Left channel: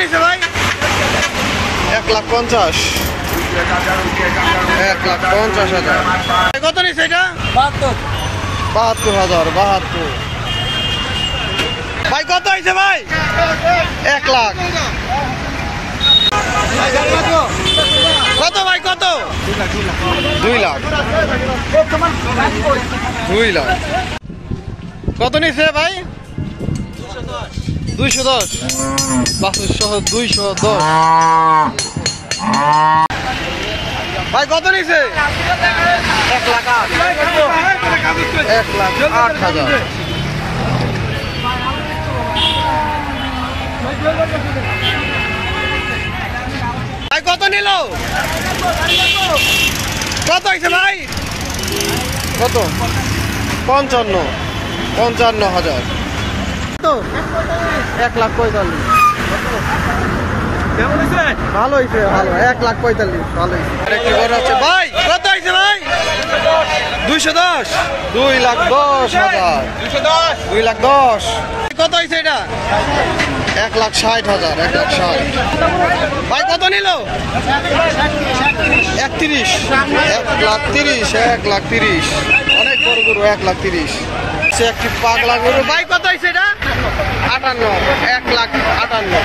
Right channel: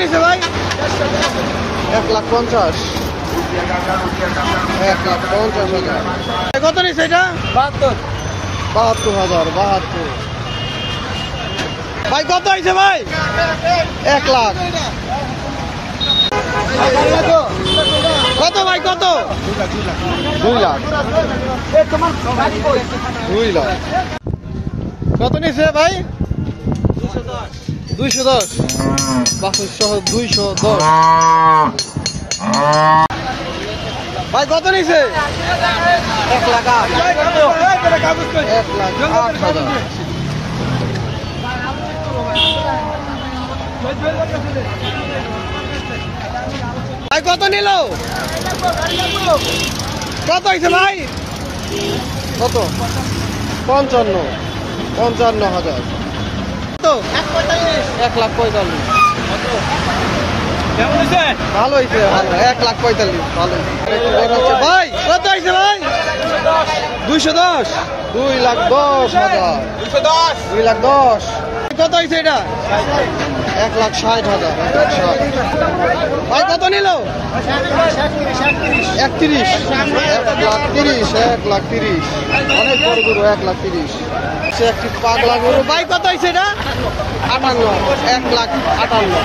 নিছে ভাই? 1,50,000। 1,50,000। কত নিছে এটা? 72,000। 72। ভাই কত হয়েছে ভাই? 1 লাখ। কত ভাই কত? 2 লাখ। 2 লাখ। কত নিছে ভাই? 210। বাছুর সহ 210। ভাই কত নিছে? 1,08,000। 1,08,000। ভাই কত নিল? কত হয়েছে ভাই? কত? 55,000। 55,000। কত? 1,45,000। ভালো হয়েছে, ভালো। 1,45,000। ভালো হয়েছে। আরেকটি বড় হচ্ছে ভাই কত হয়েছে ভাই? 210। 2,10,000। 2,10,000। কত হয়েছে এটা? 1,60,000। 1,60,000। ভাই কত নিল? 31। 1,30,000। 1,30,000। অনেক বড় গরু। 1,30,000। সে একটি পাগলা গরু। ভাই কত হয়েছে এটা? 58। 1,58,000।